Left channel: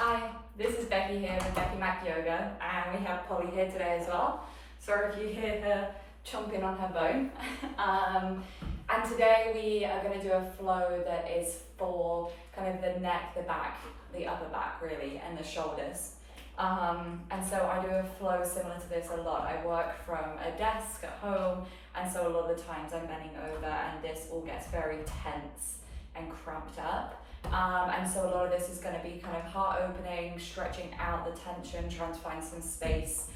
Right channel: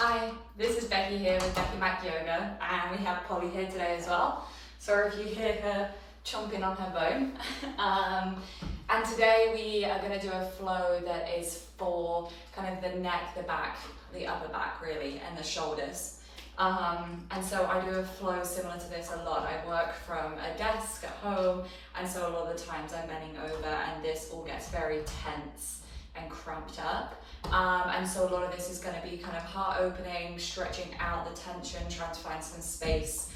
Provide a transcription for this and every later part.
Hi, this is Becky here with Becky Mac Yoga, and we have Polly here today as well. Sorry if you hear her chomping on her bone. And today we are going to do a flow that is for kind of the neck, the back, the upper back really, and the shoulders. And so I do a flow similar to this a lot. I work from a desk at home, and so a lot of the times I'm bending over and this all gets very tense and cramped up. And so a lot of this is going to be kind of heart opening, stretching out the tension, trying to find some space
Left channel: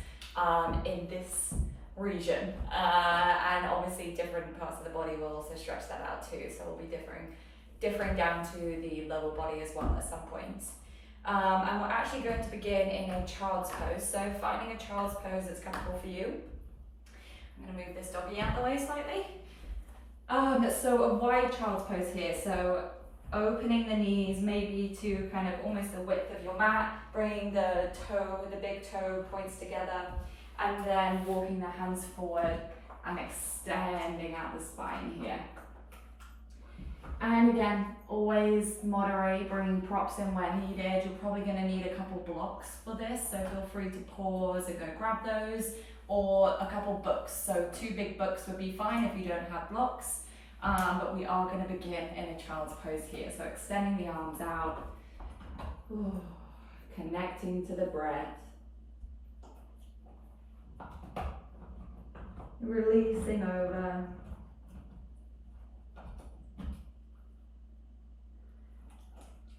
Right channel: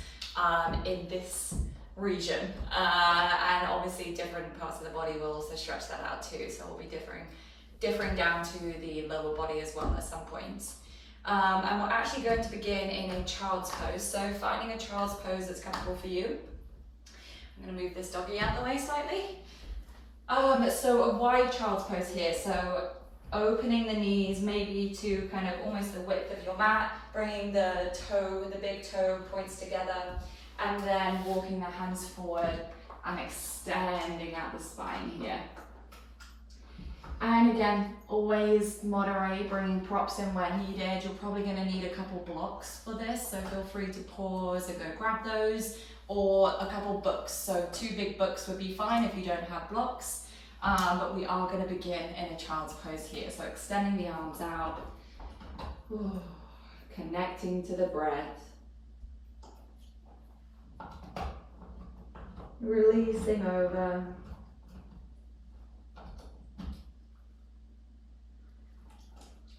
in this region. And obviously different parts of the body will also stretch that out too. So we'll be differing down to the lower body as well at some point. And we're actually going to begin in a child's pose. So finding a child's pose that's comfortable for you. I'm going to move this doggy out of the way slightly. So a wide child's pose here. So opening the knees maybe to kind of almost the width of your mat, bringing the big toe points together, and then walking the hands forward and extending out the spine here. And again, always moderate, bringing props in where needed. You're probably going to need a couple blocks for this, so feel free to pause and go grab those, or a couple books. So 2 big books would be fine if you don't have blocks. But we are going to begin in a child's pose here. So extending the arms out, connecting to the breath, releasing over.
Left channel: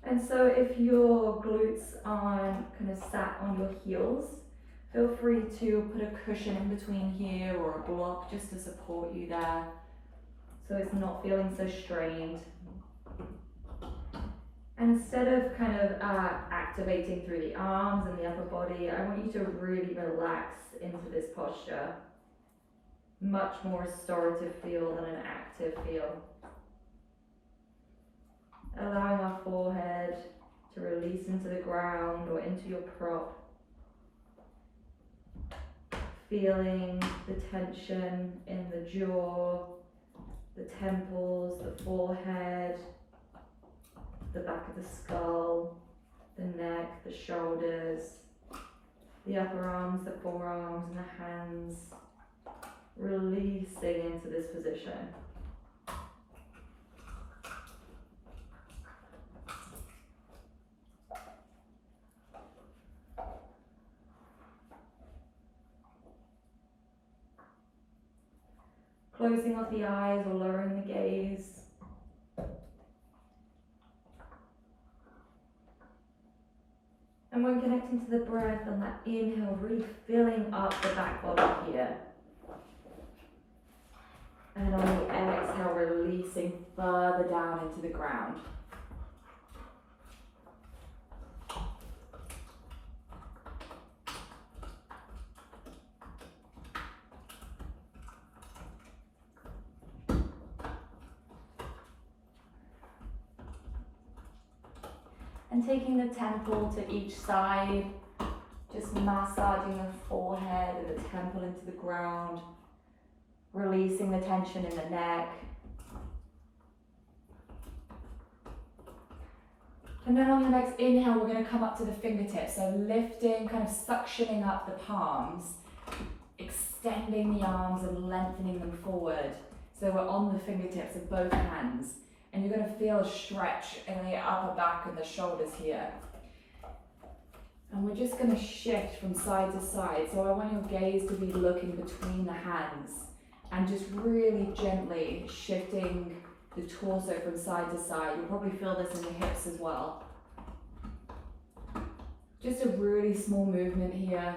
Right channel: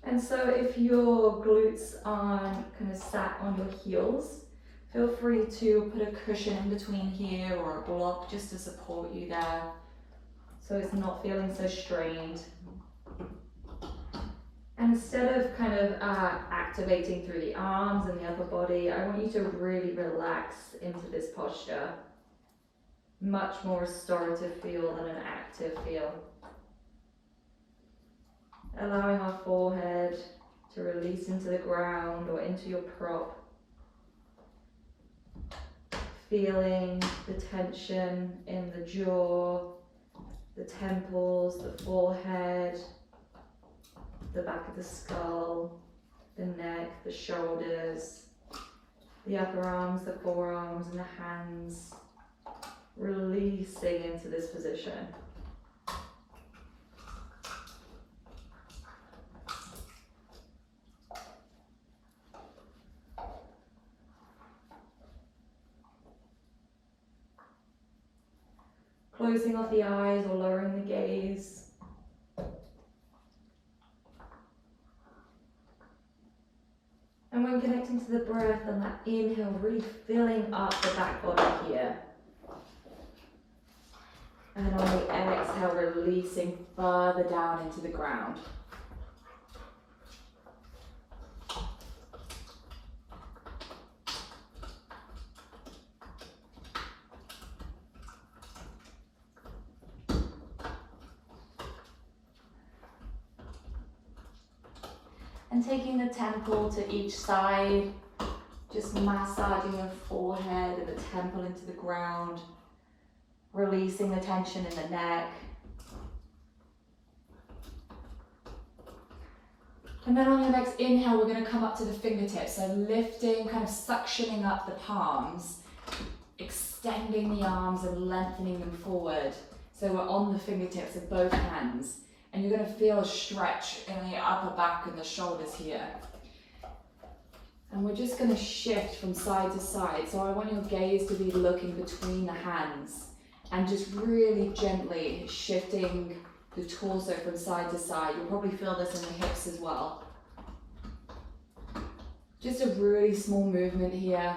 And so if your glutes aren't kind of sat on your heels, feel free to put a cushion in between here or a block just to support you there, so it's not feeling so strained. And instead of kind of activating through the arms and the upper body, I want you to really relax into this posture. Much more restorative feel than an active feel. Allowing our forehead to release into the ground or into your prop. Feeling the tension in the jaw, the temples, the forehead, the back of the skull, the neck, the shoulders, the upper arms, the forearms, and the hands, releasing into this position. Closing off the eyes or lowering the gaze. And when connecting to the breath on that inhale, really filling up the back body here. And on the exhale, releasing further down into the ground. And taking the temple to each side, just massaging the forehead and the temple into the ground, releasing the tension in the neck. And then on the next inhale, we're going to come up to the fingertips. So lifting, kind of suctioning up the palms, extending the arms and lengthening them forward. So we're on the fingertips of both hands. And you're going to feel a stretch in the upper back and the shoulders here. And we're just going to shift from side to side. So I want your gaze to be looking between the hands and just really gently shifting the torso from side to side. You'll probably feel this in the hips as well. Just a really small movement here.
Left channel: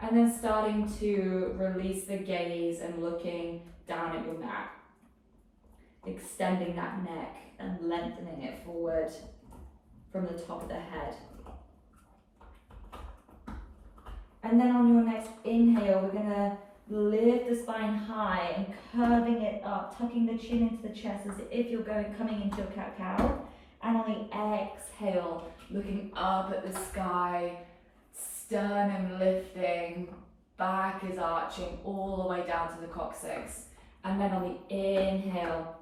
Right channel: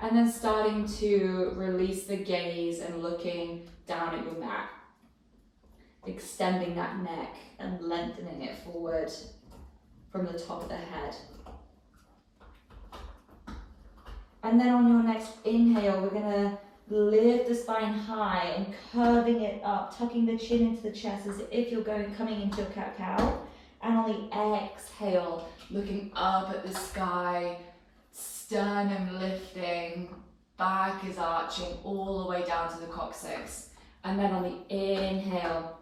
And then starting to release the gaze and looking down at your mat. Extending that neck and lengthening it forward from the top of the head. And then on your next inhale, we're going to lift the spine high and curving it up, tucking the chin into the chest as if you're coming into a cat-cow. And on the exhale, looking up at the sky, sternum lifting, back is arching all the way down to the coccyx. And then on the inhale,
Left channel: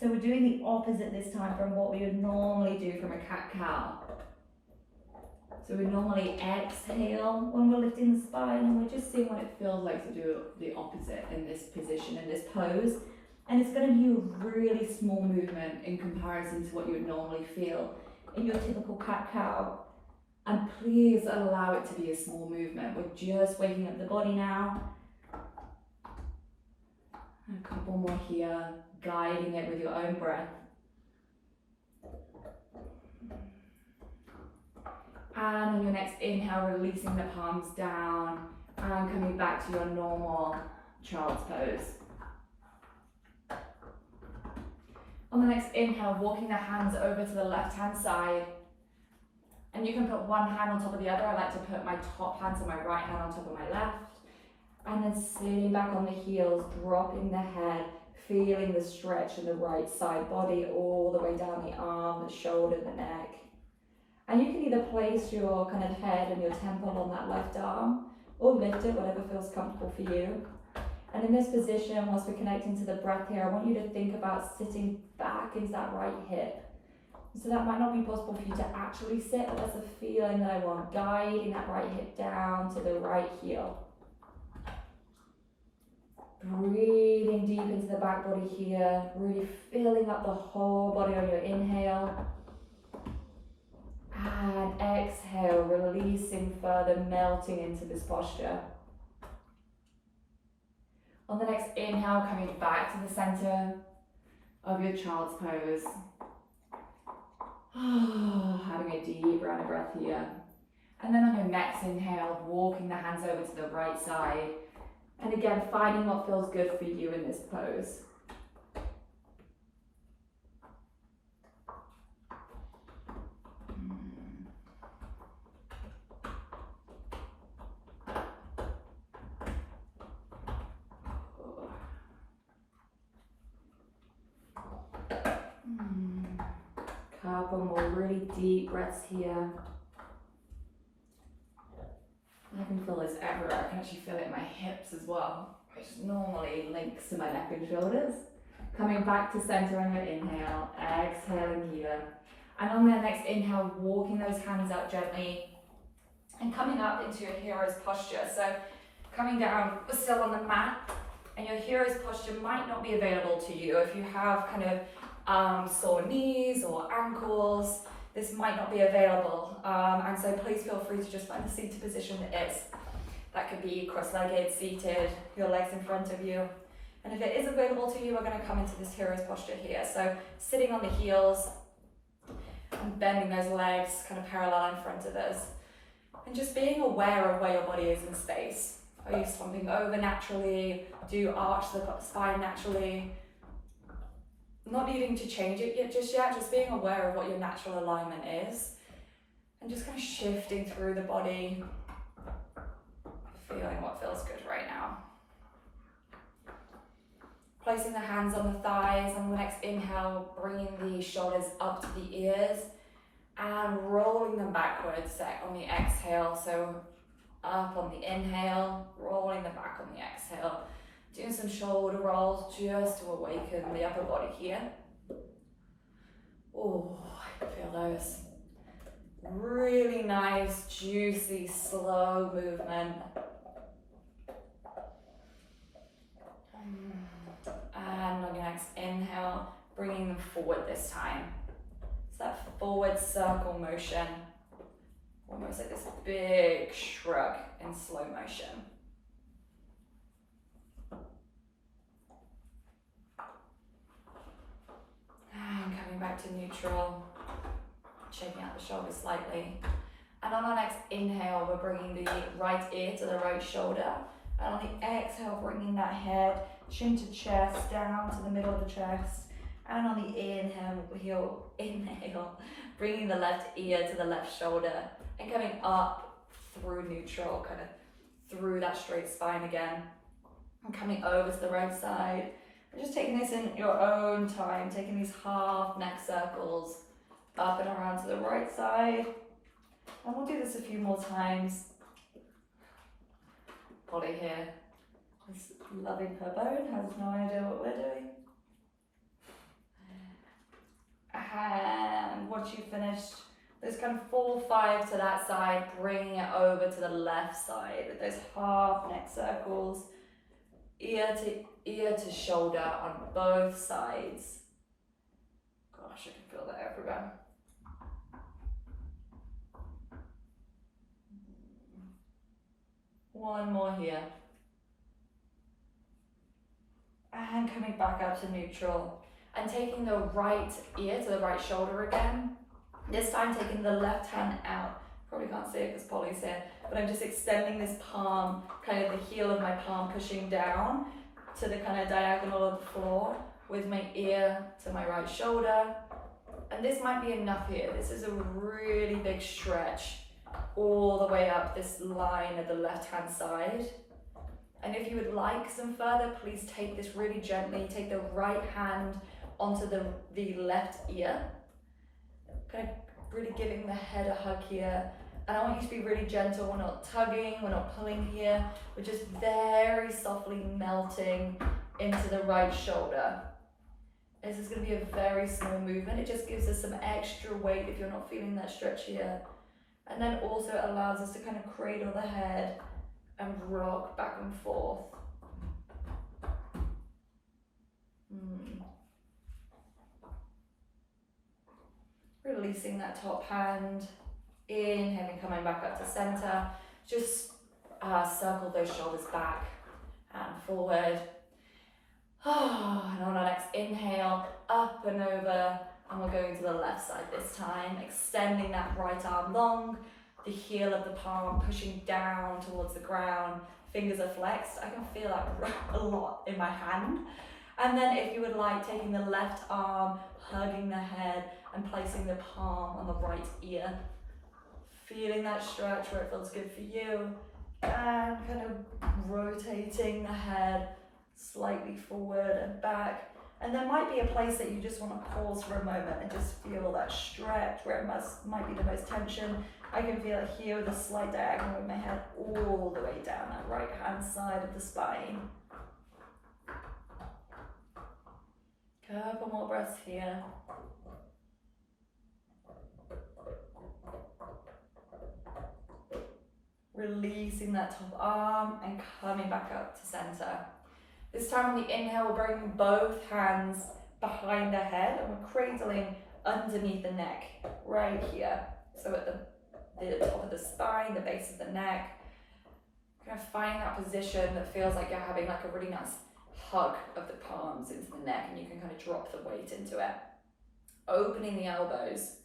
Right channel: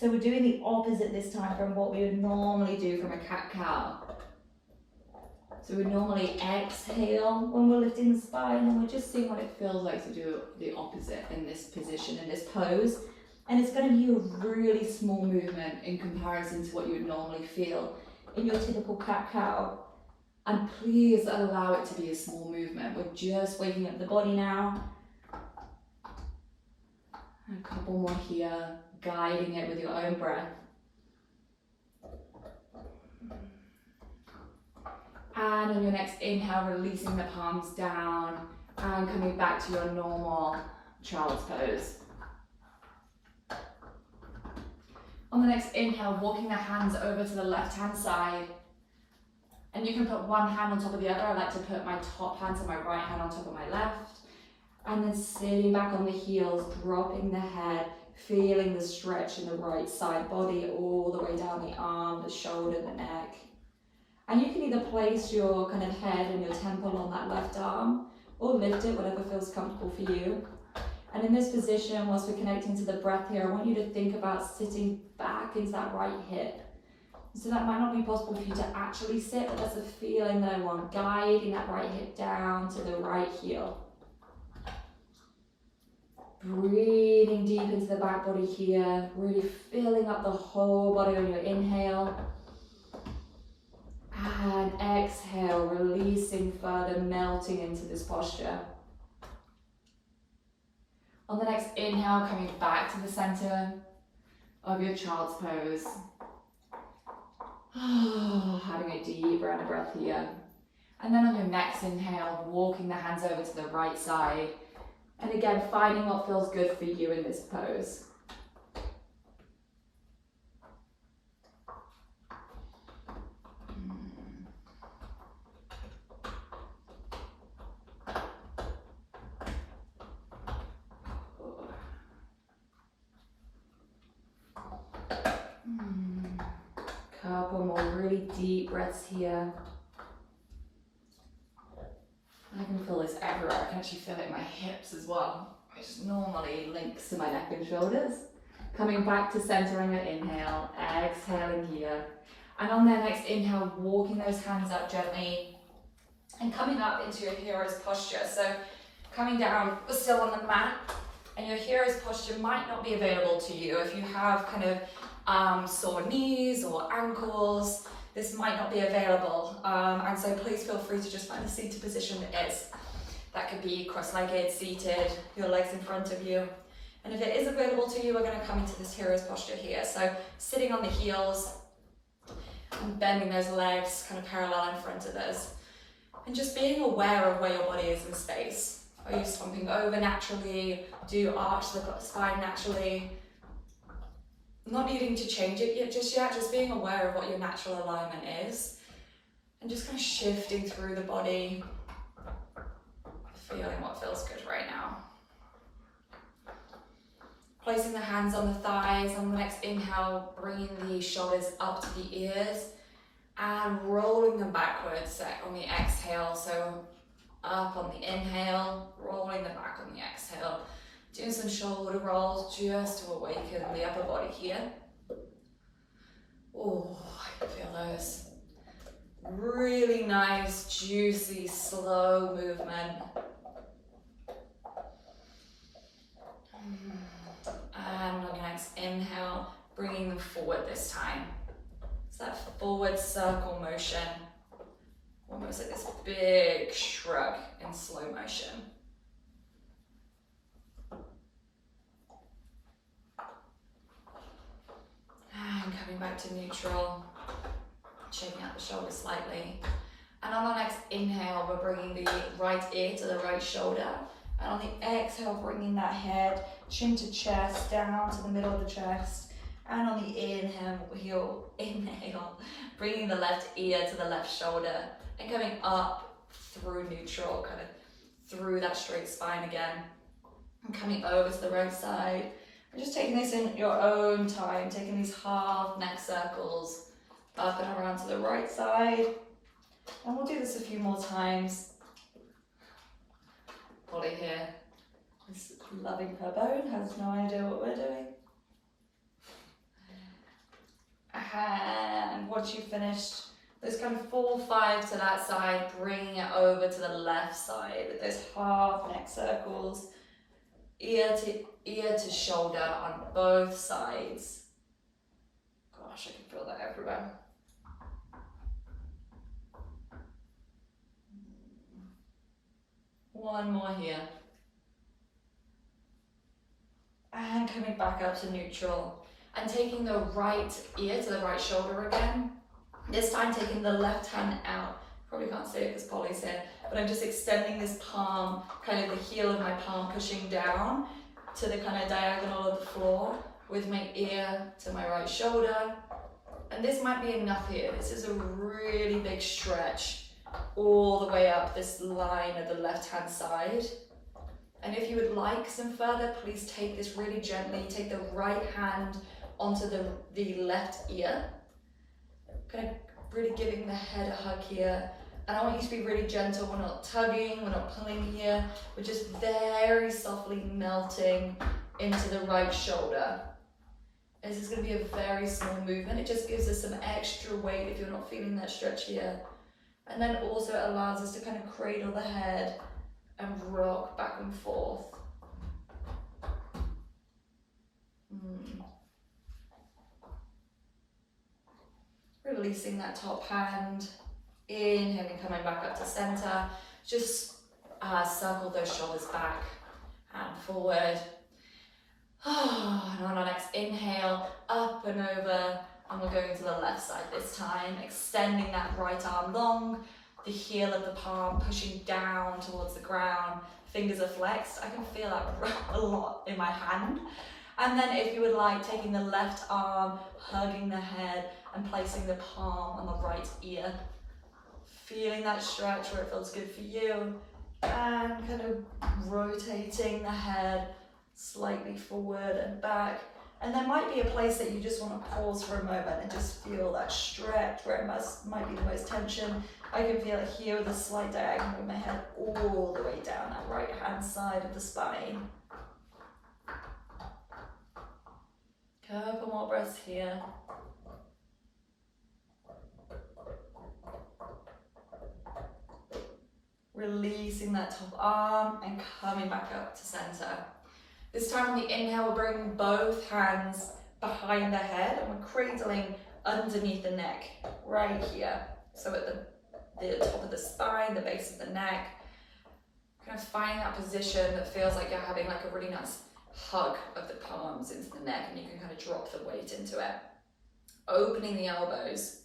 so we're doing the opposite this time from what we would normally do from a cat-cow. So we normally exhale when we're lifting the spine, and we're just seeing what it feels like to do the opposite in this position, in this pose. And it's going to be a really small movement in comparison to what you would normally feel in your typical cat-cow. And please allow it to be a small movement. We're just waking up the body now. A couple more here, guiding it with your own breath. And on your next inhale, releasing the palms down and coming back to your normal child's pose. On the next inhale, walking the hands over to the left-hand side. And you can put one hand on top of the other. I like to put my top hand to my right hand on top of my left. And then sitting back on the heels, dropping the head, feeling the stretch in the right side body all the way down the arm, the shoulder, the neck. And you can either place your kind of head and your temple on that left arm or lift it, whatever feels comfortable for you. And in this position, whilst we're connecting to the breath here, I want you to think about sitting back into that right hip. So that might not be possible for you to actually sit, but that's a feeling that I want, guiding that right hip down to the right heel. Breathing deep into the back body here, really filling up the whole body on your inhale. And exhale, releasing further, melting into this posture. On the next inhale, coming back to the center of your child's pose. Having a deep round of breath here. And then on your next inhale, walking the hands over to the right side. And again, finding what feels good for you in this pose. Couple more really deep breaths here. I can feel this everywhere. I can actually feel it in my hips as well, which normally links to my neck and shoulders. Coming back to center on your inhale, exhaling here. And on the next inhale, walking those hands up gently and coming up into your hero's posture. So coming down, we're still on the mat, and your hero's posture might not be available to you if you have kind of sore knees or ankles. This might not be available, and so please feel free to just find the seated position that is. That could be cross-legged, seated, your legs in front of you. And if it is available to you, we're going to come into this hero's posture here. So sitting on the heels and bending those legs kind of parallel in front of us. And just being aware of where your body is in space. Are you slumping over naturally? Do you arch the spine naturally? Not needing to change it yet, just being aware of what your natural alignment is. And just kind of shifting through the body, feeling what feels good right now. Placing the hands on the thighs. On the next inhale, bringing the shoulders up to the ears and rolling them backwards on the exhale. So up on the inhale, rolling them back on the exhale. Doing some shoulder rolls just to awaken the upper body here. Oh, I can feel those. Really nice, juicy, slow movement. And on your next inhale, bringing them forward this time. It's that forward circle motion, almost like this big shrug in slow motion. And coming back to neutral, shaking out the shoulders slightly. And on our next inhale, we're bringing the right ear to the right shoulder. And on the exhale, bringing that head, chin to chest, down to the middle of the chest. And on the inhale, bringing the left ear to the left shoulder. And coming up through neutral, kind of through that straight spine again. And coming over to the right side. And just taking this in your own time, taking these half neck circles up and around to the right side. And we'll do this a few more times. Polly here is loving her bone, has no idea what we're doing. And once you've finished Those kind of 4-5 to that side, bringing it over to the left side with those half neck circles, ear to shoulder on both sides. Gosh, I can feel that everywhere. One more here. And coming back up to neutral. And taking the right ear to the right shoulder again. This time taking the left hand out. Probably can't see it because Polly's here. But I'm just extending this palm, kind of the heel of my palm pushing down to the kind of diagonal of the floor with my ear to my right shoulder. And this might be enough here. This is a really big stretch all the way up this line of the left-hand side. And if you would like some further, please take this really gently. Take the right hand onto the left ear. Kind of really giving the head a hug here. And I want you to be really gentle. We're not tugging, we're not pulling here. We're just very softly melting into the right shoulder. This is going to be a very small movement. It just gives us some extra weight if you're not feeling that stretch here. And then also it allows us to kind of cradle the head and rock back and forth. Releasing that top hand. Inhaling, coming back up to center. Just circle those shoulders back and forward. And on our next inhale, up and over, and we're going to the left side this time, extending that right arm long, the heel of the palm pushing down towards the ground, fingers are flexed. I can feel that a lot in my hand. And then if you would like, taking the left arm, hugging the head, and placing the palm on the right ear. Feeling that stretch where it feels good for you, and kind of rotating the head slightly forward and back. And there might be a place that you just want to pause for a moment and just feel that stretch where it might be the most tension. I can feel it here with a slight diagonal with my head all the way down that right hand side of the spine. Couple more breaths here. Releasing that top arm and coming back up to center. This time on the inhale, we're bringing both hands behind the head and we're cradling underneath the neck, right here. So at the top of the spine, the base of the neck. Kind of finding that position that feels like you're having like a really nice hug of the palms into the neck, and you can kind of drop the weight into it. Opening the elbows.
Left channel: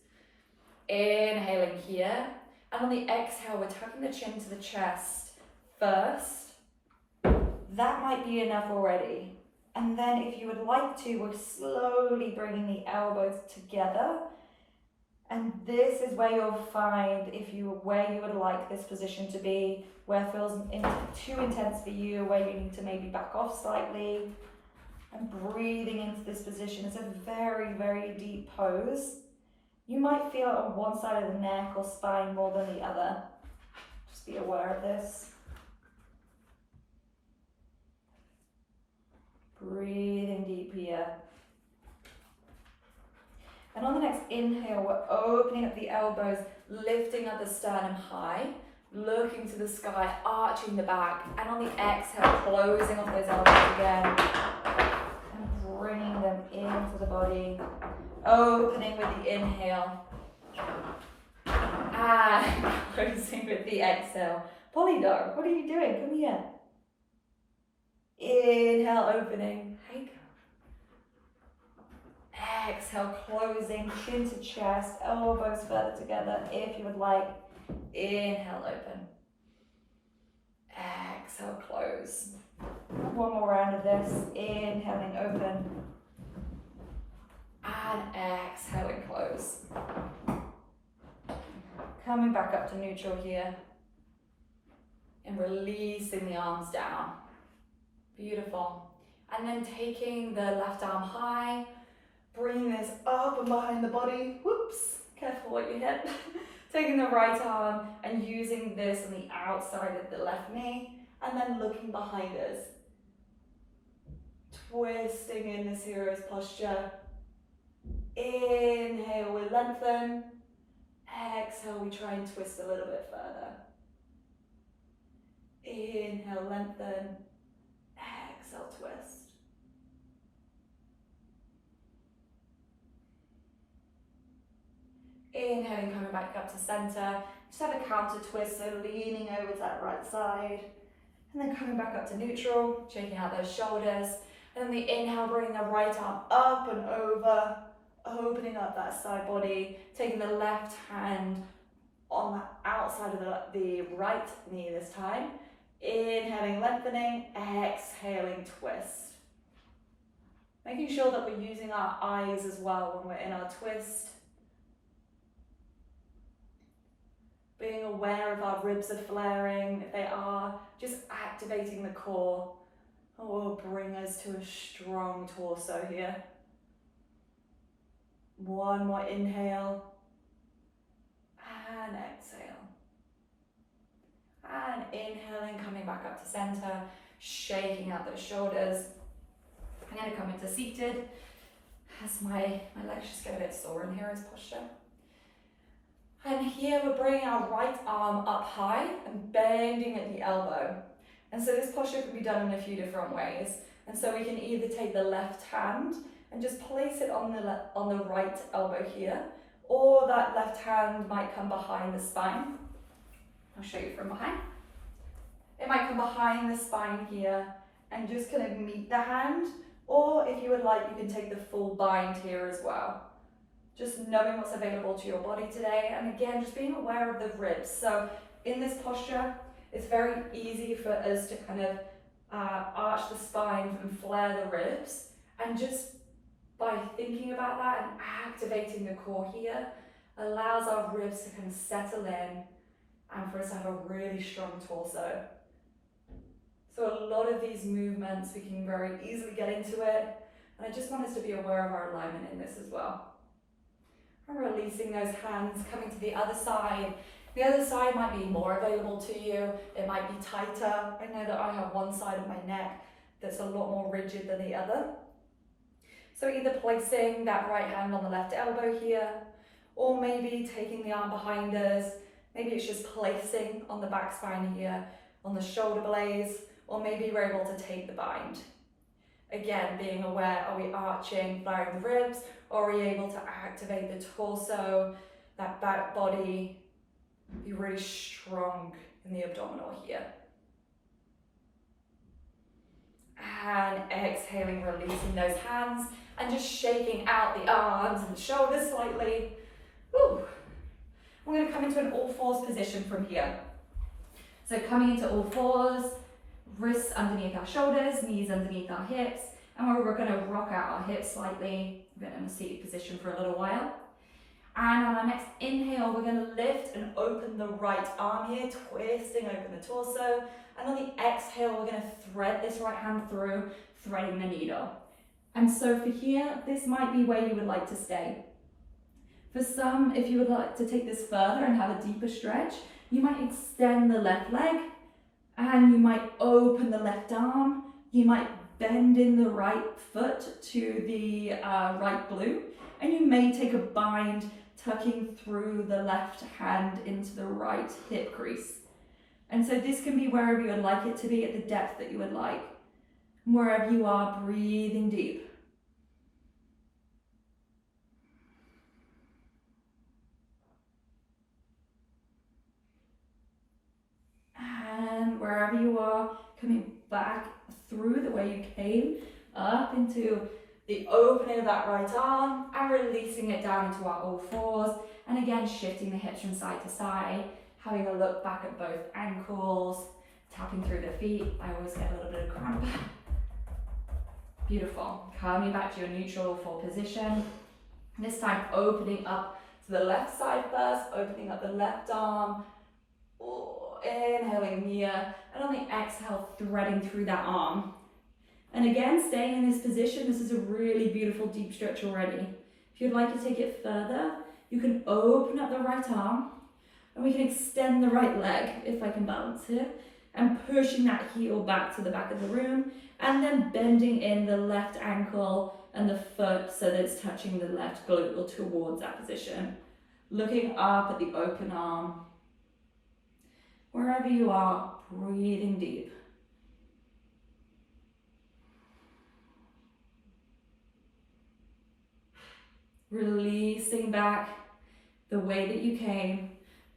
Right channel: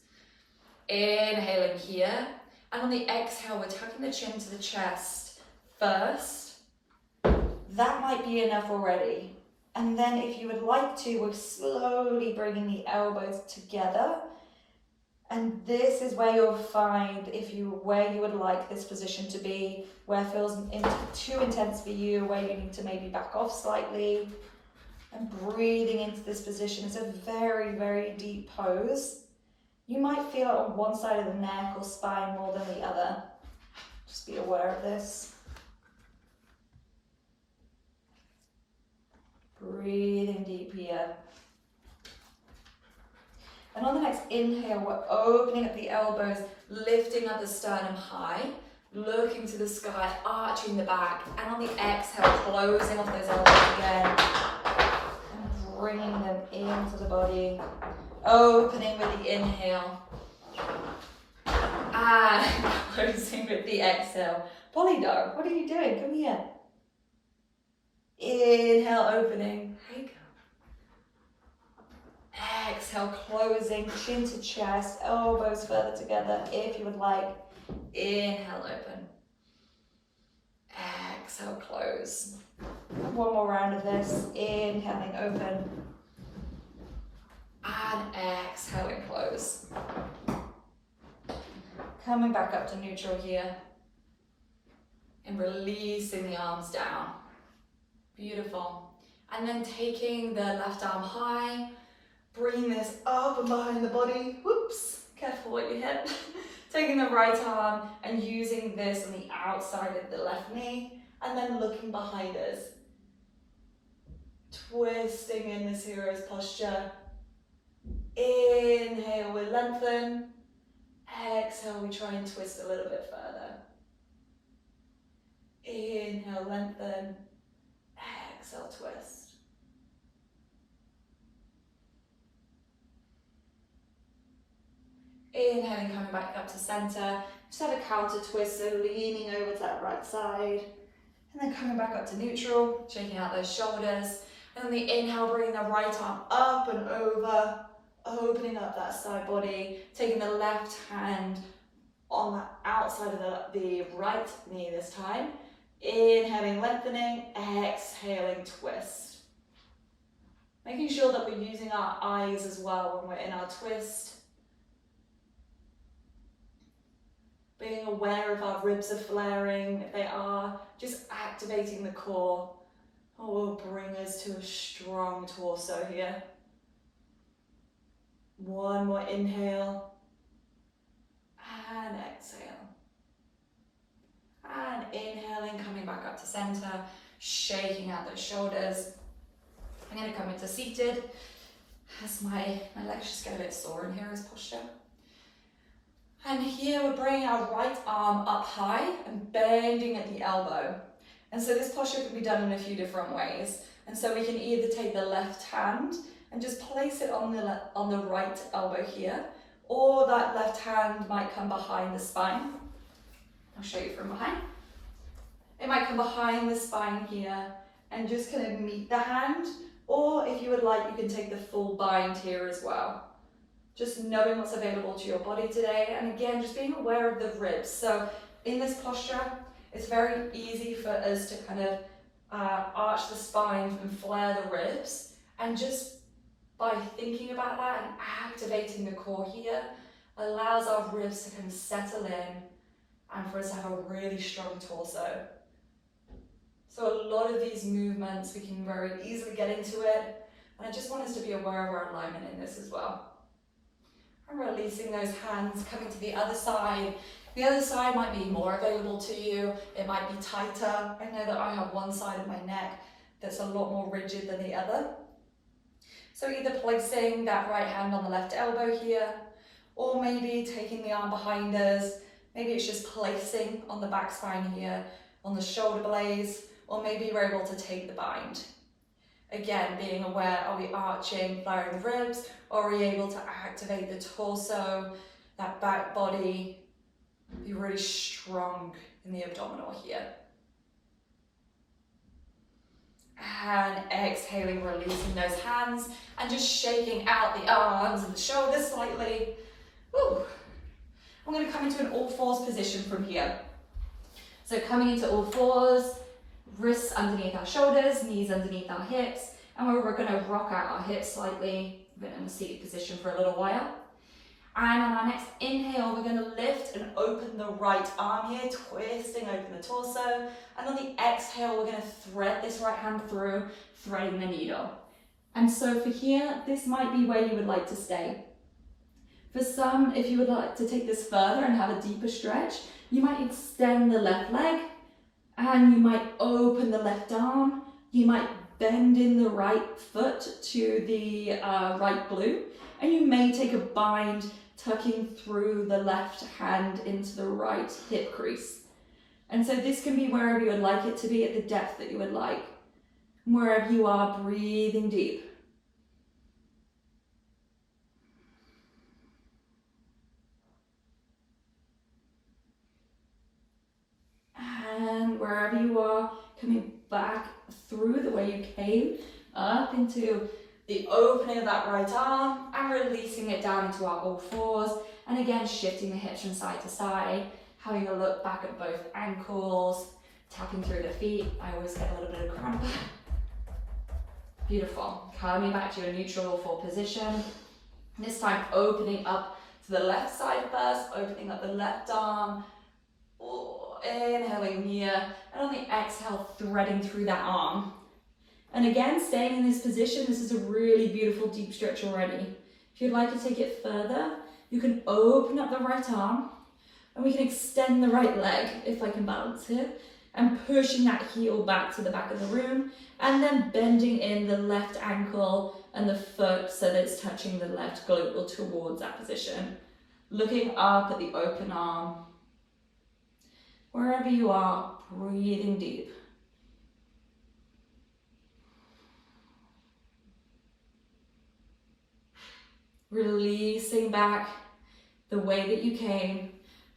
Inhaling here. And on the exhale, we're tucking the chin to the chest first. That might be enough already. And then if you would like to, we're slowly bringing the elbows together. And this is where you'll find where you would like this position to be, where it feels too intense for you, where you need to maybe back off slightly. And breathing into this position. It's a very, very deep pose. You might feel it on one side of the neck or spine more than the other. Just be aware of this. Breathing deep here. And on the next inhale, we're opening up the elbows, lifting up the sternum high, looking to the sky, arching the back. And on the exhale, closing off those elbows again. And bringing them into the body. Opening with the inhale and closing with the exhale. Polly dog, what are you doing? Come here. Inhale, opening. Hey, go. Exhale, closing, chin to chest, elbows further together if you would like. Inhale, open. Exhale, close. One more round of this. Inhaling, open. And exhaling, close. Coming back up to neutral here. And releasing the arms down. Beautiful. And then taking the left arm high, bringing this up and behind the body. Whoops, careful what you hit. Taking the right arm and using this on the outside of the left knee. And then looking behind us. Twisting in this hero's posture. Inhale, we lengthen. Exhale, we try and twist a little bit further. Inhale, lengthen. Exhale, twist. Inhaling, coming back up to center. Just have a counter twist, so leaning over to that right side. And then coming back up to neutral, shaking out those shoulders. And then the inhale, bringing the right arm up and over, opening up that side body, taking the left hand on the outside of the right knee this time. Inhaling, lengthening, exhaling, twist. Making sure that we're using our eyes as well when we're in our twist. Being aware if our ribs are flaring. If they are, just activating the core. Will bring us to a strong torso here. One more inhale. And exhale. And inhaling, coming back up to center, shaking out those shoulders. I'm going to come into seated as my legs just get a bit sore in here as posture. And here we're bringing our right arm up high and bending at the elbow. And so this posture can be done in a few different ways. And so we can either take the left hand and just place it on the right elbow here, or that left hand might come behind the spine. I'll show you from behind. It might come behind the spine here and just kind of meet the hand, or if you would like, you can take the full bind here as well. Just knowing what's available to your body today, and again, just being aware of the ribs. So in this posture, it's very easy for us to kind of arch the spine and flare the ribs, and just by thinking about that and activating the core here, allows our ribs to kind of settle in and for us to have a really strong torso. So a lot of these movements, we can very easily get into it, and I just want us to be aware of our alignment in this as well. And releasing those hands, coming to the other side. The other side might be more available to you. It might be tighter. I know that I have one side of my neck that's a lot more rigid than the other. So either placing that right hand on the left elbow here, or maybe taking the arm behind us. Maybe it's just placing on the back spine here, on the shoulder blades, or maybe we're able to take the bind. Again, being aware, are we arching, flaring the ribs, or are we able to activate the torso, that back body, be really strong in the abdominal here. And exhaling, releasing those hands, and just shaking out the arms and the shoulders slightly. Woo. I'm going to come into an all fours position from here. So coming into all fours, wrists underneath our shoulders, knees underneath our hips, and we're going to rock out our hips slightly. We've been in a seated position for a little while. And on our next inhale, we're going to lift and open the right arm here, twisting open the torso. And on the exhale, we're going to thread this right hand through, threading the needle. And so for here, this might be where you would like to stay. For some, if you would like to take this further and have a deeper stretch, you might extend the left leg, and you might open the left arm. You might bend in the right foot to the right glute, and you may take a bind, tucking through the left hand into the right hip crease. And so this can be wherever you would like it to be, at the depth that you would like. Wherever you are, breathing deep. And wherever you are, coming back through the way you came, up into the opening of that right arm, and releasing it down into our all fours. And again, shifting the hips from side to side, having a look back at both ankles, tapping through the feet. I always get a little bit of cramp. Beautiful. Coming back to your neutral all four position. This time opening up to the left side first, opening up the left arm. Inhaling here, and on the exhale, threading through that arm. And again, staying in this position, this is a really beautiful deep stretch already. If you'd like to take it further, you can open up the right arm, and we can extend the right leg, if I can balance here, and pushing that heel back to the back of the room, and then bending in the left ankle and the foot so that it's touching the left glute or towards that position. looking up at the open arm. Wherever you are, breathing deep. Releasing back the way that you came,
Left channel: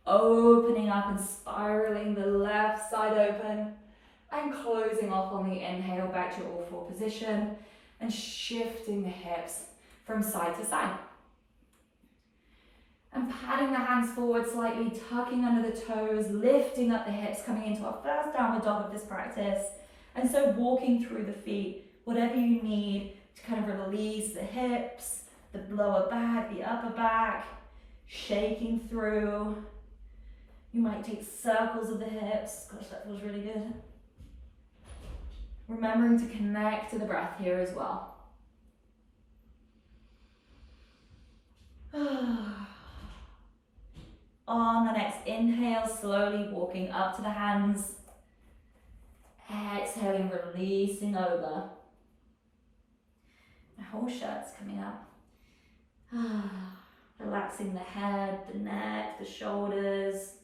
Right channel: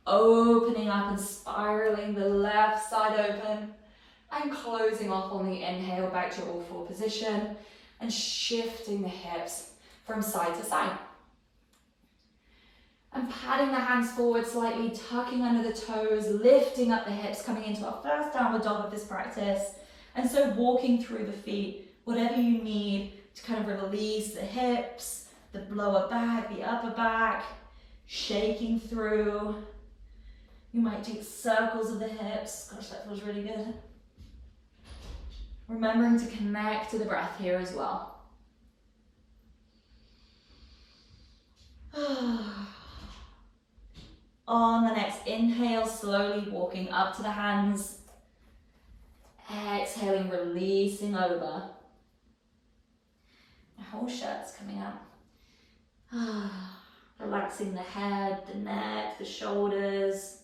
opening up and spiraling the left side open, and closing off on the inhale back to your all four position, and shifting the hips from side to side. And patting the hands forward slightly, tucking under the toes, lifting up the hips, coming into our first downward dog of this practice. And so walking through the feet, whatever you need to kind of release the hips, the lower back, the upper back, shaking through. You might take circles of the hips. Gosh, that feels really good. Remembering to connect to the breath here as well. On the next inhale, slowly walking up to the hands. Exhaling, releasing over. The whole shirt's coming up. Relaxing the head, the neck, the shoulders.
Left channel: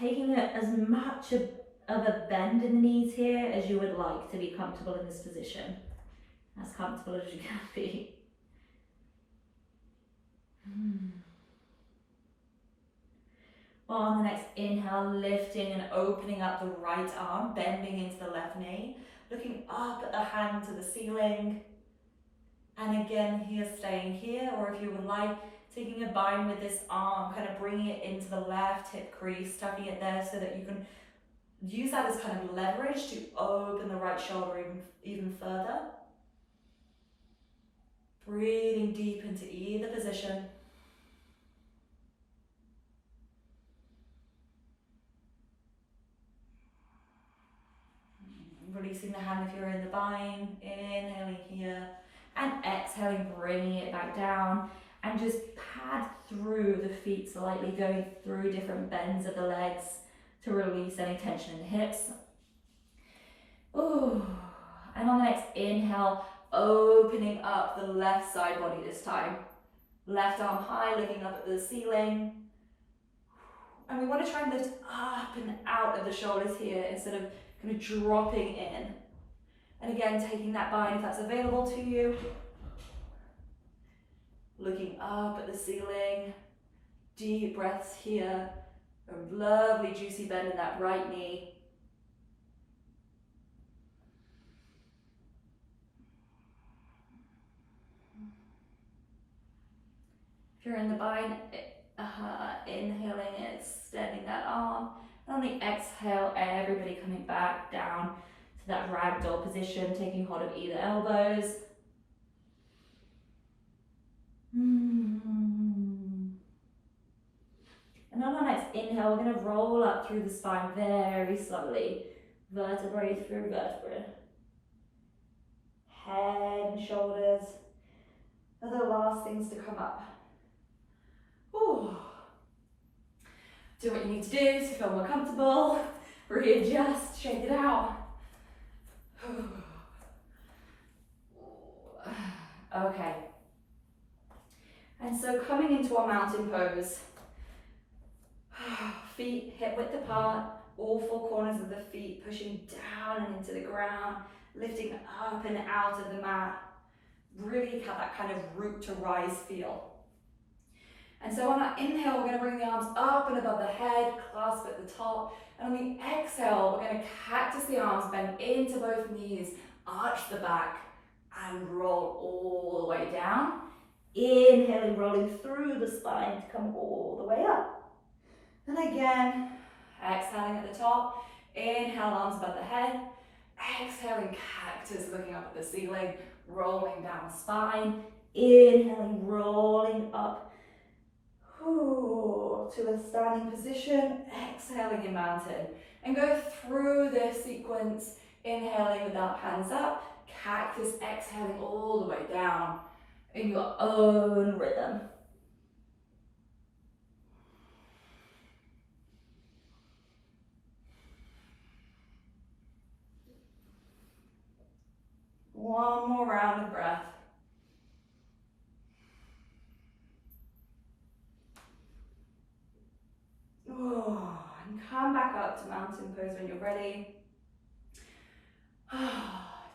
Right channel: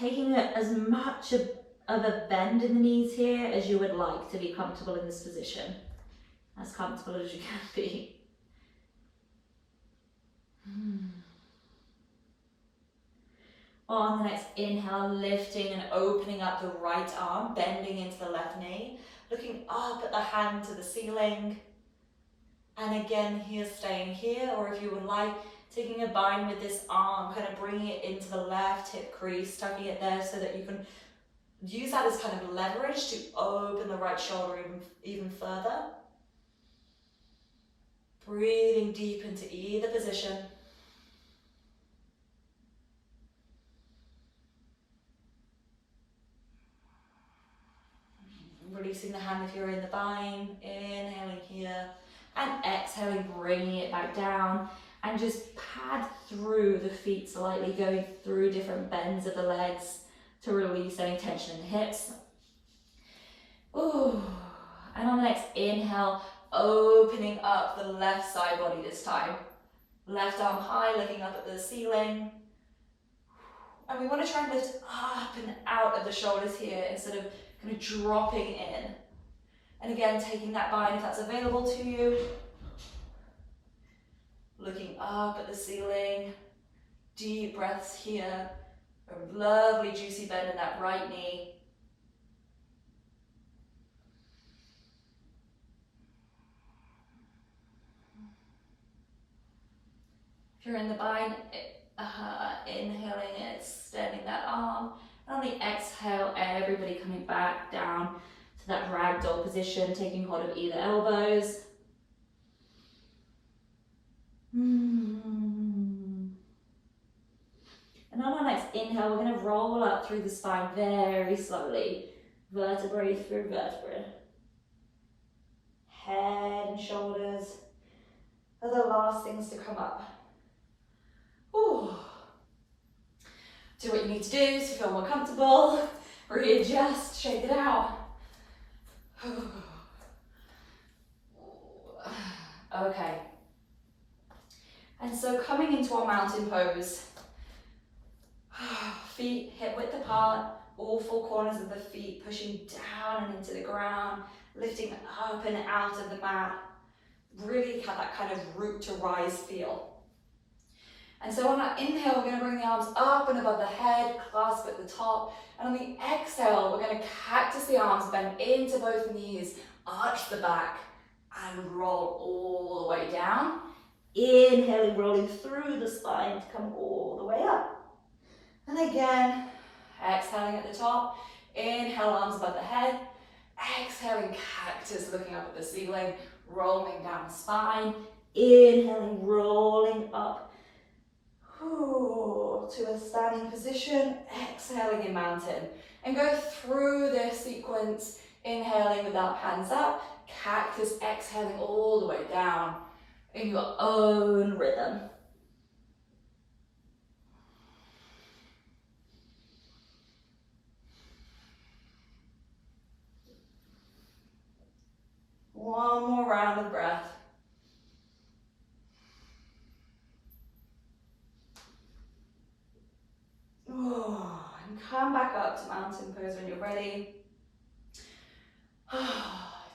Taking as much of a bend in the knees here as you would like to be comfortable in this position. As comfortable as you can be. On the next inhale, lifting and opening up the right arm, bending into the left knee, looking up at the hand to the ceiling. And again, here, staying here, or if you would like, taking a bind with this arm, kind of bringing it into the left hip crease, tucking it there so that you can use that as kind of leverage to open the right shoulder even further. Breathing deep into either position. Releasing the hand if you're in the bind, inhaling here, and exhaling, bringing it back down, and just pad through the feet slightly, going through different bends of the legs to release any tension in the hips. Ooh. And on the next inhale, opening up the left side body this time. Left arm high, looking up at the ceiling. And we want to try and lift up and out of the shoulders here instead of kind of dropping in. And again, taking that bind if that's available to you. Looking up at the ceiling. Deep breaths here. A lovely juicy bend in that right knee. If you're in the bind, inhaling, extending that arm. And on the exhale, everybody coming back down to that ragdoll position, taking hold of either elbows. And on our next inhale, we're going to roll up through the spine very slowly, vertebrae through vertebrae. Head and shoulders are the last things to come up. Ooh. Do what you need to do to feel more comfortable. Readjust, shake it out. Okay. And so coming into our mountain pose, feet hip width apart, all four corners of the feet pushing down and into the ground, lifting up and out of the mat. Really have that kind of root to rise feel. And so on that inhale, we're going to bring the arms up and above the head, clasp at the top. And on the exhale, we're going to cactus the arms, bend into both knees, arch the back, and roll all the way down. Inhaling, rolling through the spine to come all the way up. And again, exhaling at the top. Inhale, arms above the head. Exhaling, cactus, looking up at the ceiling, rolling down the spine. Inhaling, rolling up. To a standing position, exhaling in mountain. And go through this sequence, inhaling without hands up, cactus, exhaling all the way down in your own rhythm. One more round of breath. come back up to mountain pose when you're ready.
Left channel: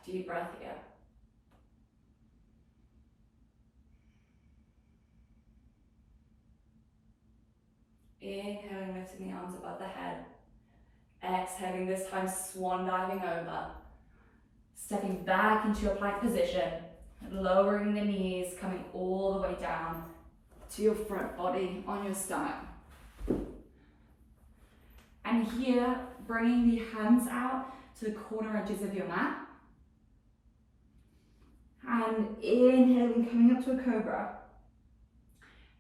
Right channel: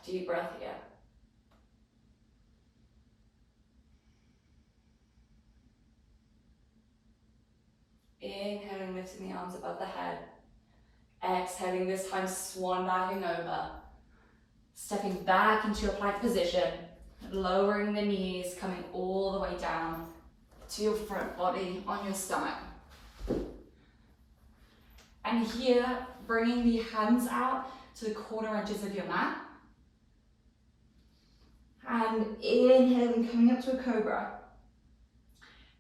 Deep breath here. Inhaling, lifting the arms above the head. Exhaling, this time swan diving over. Stepping back into your plank position. Lowering the knees, coming all the way down to your front body on your stomach. And here, bringing the hands out to the corner edges of your mat. And inhaling, coming up to a cobra.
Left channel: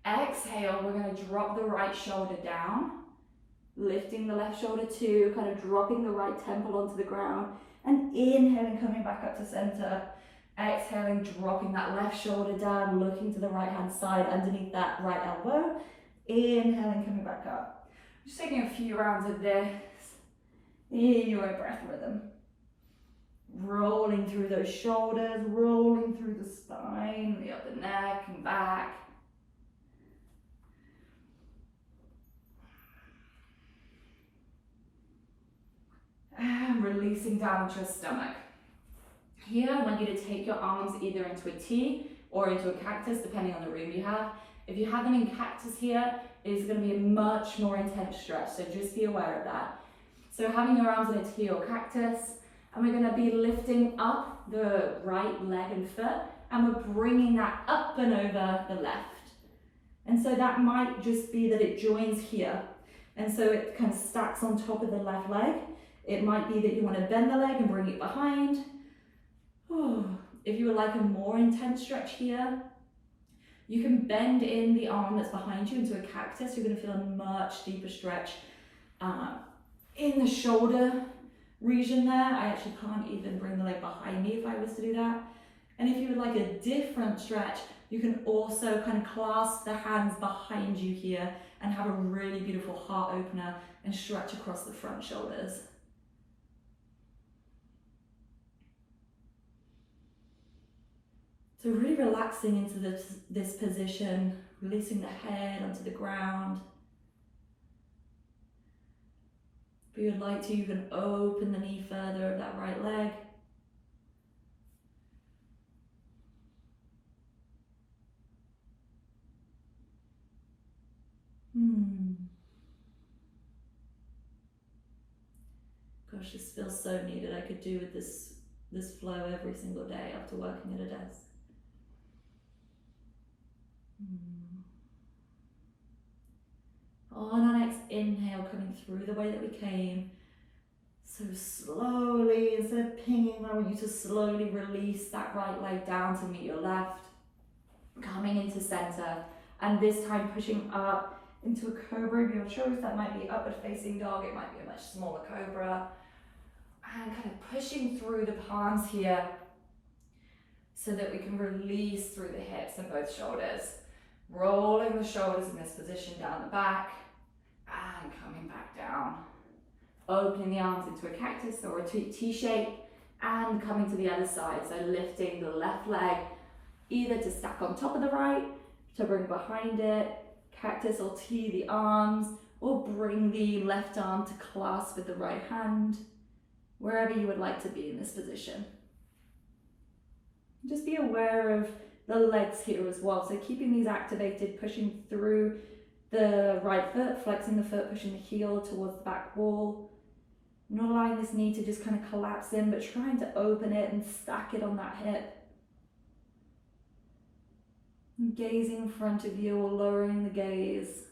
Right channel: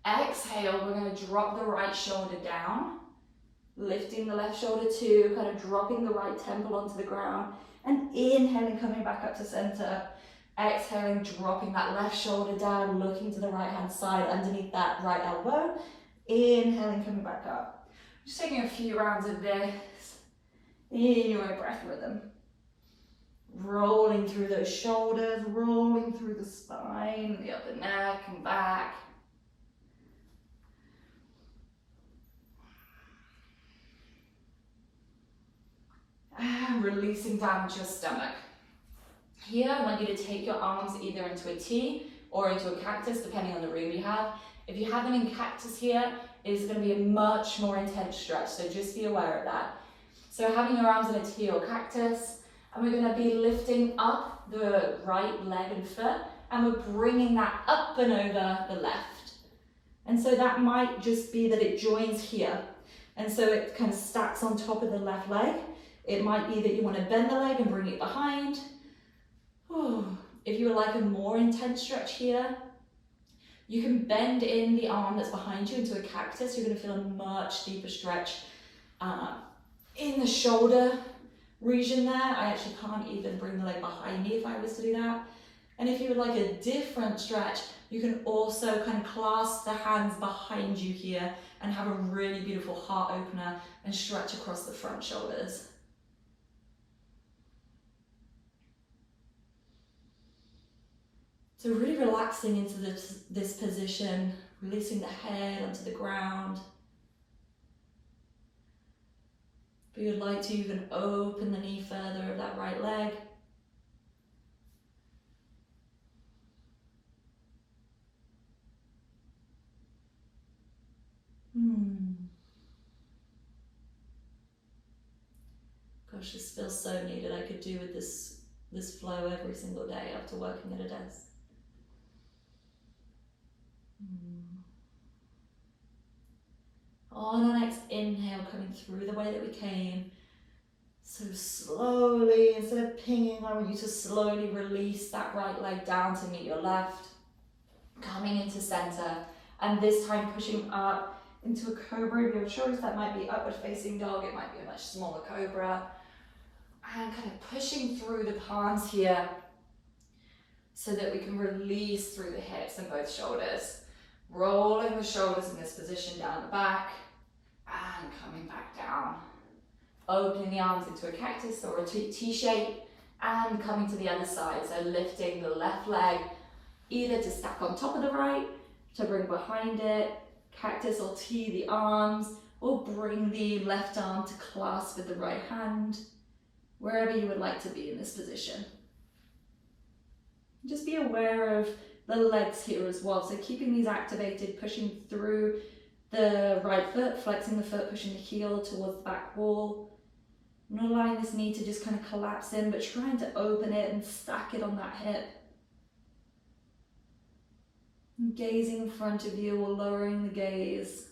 Exhale, we're going to drop the right shoulder down, lifting the left shoulder too, kind of dropping the right temple onto the ground, and inhaling, coming back up to center. Exhaling, dropping that left shoulder down, looking to the right hand side underneath that right elbow. Inhaling, coming back up. Just taking a few rounds of this in your own breath rhythm. Rolling through those shoulders, rolling through the spine, the upper neck and back. And releasing down to your stomach. Here, I want you to take your arms either into a T or into a cactus, depending on the room you have. If you have them in cactus here, it's going to be a much more intense stretch, so just be aware of that. So having your arms in a T or cactus, and we're going to be lifting up the right leg and foot, and we're bringing that up and over the left. And so that might just be that it joins here, and so it kind of stacks on top of the left leg. It might be that you want to bend the leg and bring it behind. If you would like a more intense stretch here, you can bend in the arm that's behind you into a cactus. You're going to feel a much deeper stretch in the shoulder region there. I actually can't even bring the leg behind me if I was to do that. And if you would like a different stretch, you can also kind of clasp the hands behind you here and have a really beautiful heart opener and stretch across the front shoulders. So really relaxing into this position, releasing the head onto the ground. If you would like to, you can open the knee further of that right leg. Gosh, this feels so needed. I could do with this flow every single day after working at a desk. On our next inhale, coming through the way that we came. So slowly, instead of pinging, I want you to slowly release that right leg down to meet your left. Coming into center, and this time pushing up into a cobra of your choice. That might be upward facing dog, it might be a much smaller cobra. And kind of pushing through the palms here so that we can release through the hips and both shoulders. Rolling the shoulders in this position down the back and coming back down. Opening the arms into a cactus or a T shape and coming to the other side. So lifting the left leg either to stack on top of the right, to bring behind it, cactus or T the arms, or bring the left arm to clasp with the right hand, wherever you would like to be in this position. Just be aware of the legs here as well. So keeping these activated, pushing through the right foot, flexing the foot, pushing the heel towards the back wall. Not allowing this knee to just kind of collapse in, but trying to open it and stack it on that hip. And gazing in front of you or lowering the gaze.